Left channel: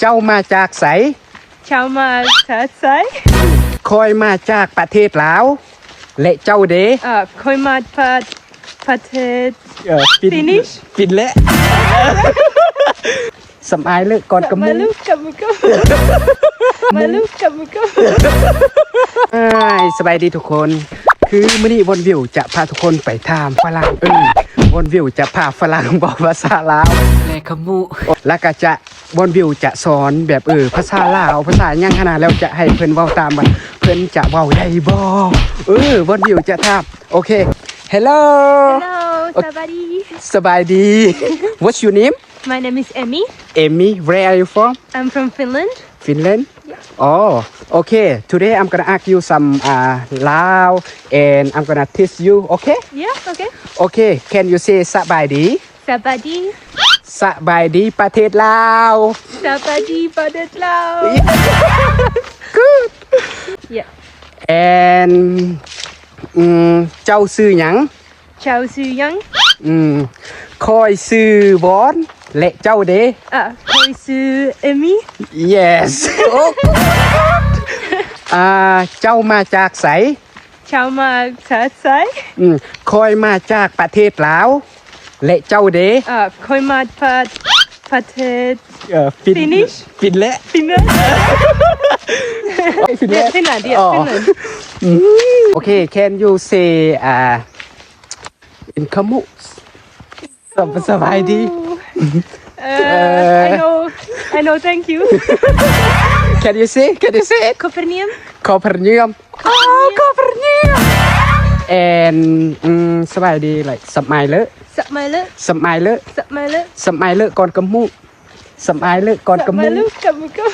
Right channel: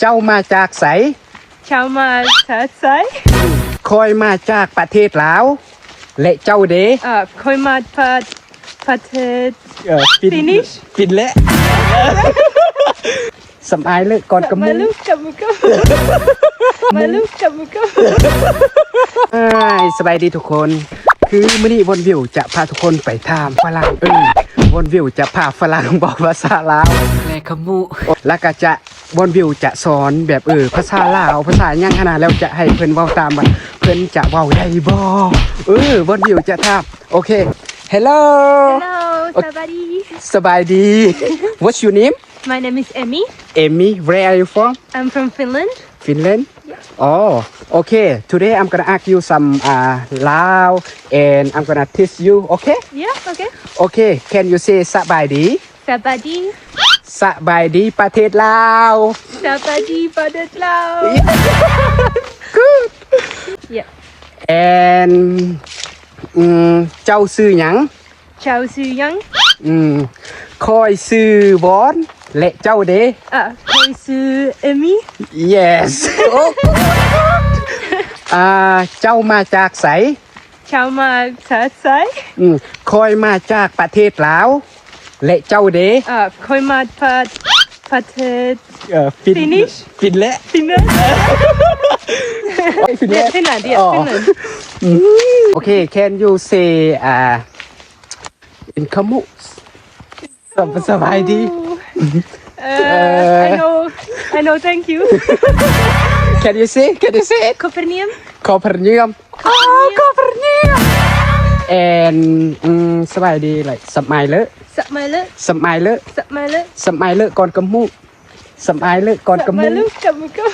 เจ้ามาจากไสชาวมาชาไซคอยมาจากประเทศลาว และเจ้าเดเอ่อคอยมาประประเทศ เออ Finish ฟินและสำอายเลยก่อนกำมามือลูกกับมุกบมาลูกกับมุกบเอ้ยสบายดีทุกคน คือมื่อนี้วนวิวจะพาทุกคนไปทามฝรั่งเออว นวิวจะพาฝรั่งบอกภาษาลาวแลขมูแล้วก็จะวนวิวจะสอนแบบเออภาษาลาวภาษาหยังขนาดแล้วจะให้เพิ่นเว้าตามว่าเพิ่นจะเว้าได้บ่เออวนวิวจะทามโอเค Hello Hello สวัสดีสบายดี What's your name My name is Emmy Amy Where are you from I'm from Finland Finland? Oh, okay. Today I'm gonna ask you some uh, Lao and I'm gonna teach you. Okay? Yeah okay Okay. Can you say สบายดี สวัสดี สบายดีประเทศลาว สวัสดีประเทศลาว Good. Yeah And อืมเจ้าซื้อหยัง ชาวซื่ อยังอืมคอยซื้อบอนและเจ้าเด้ อะคอยซื่อ Emmy Yes อ่าเจ้ามาจากไสชาวมาชาไซอืมคอยมาจากประเทศลาวและเจ้าเด้ อะคอยมาประประเทศ เอ่อฟิน Finish ฟินและฟินแลนด์ฟินและฟินแลนด์ yeah อ๋อฟินแลนด์โอเค can you say อ่าเป็นขมุ Stop. ID. Uh, I know, I know, thank you. Can you say, can you say? Copernium. Copernium. Oh, Copernium! And, mm, um, somebody like, Submiler. Submiler. Submiler. Submiler. Submiler, con cầm mũ. Submiler, con cầm mũ. Submiler, cầm cầm.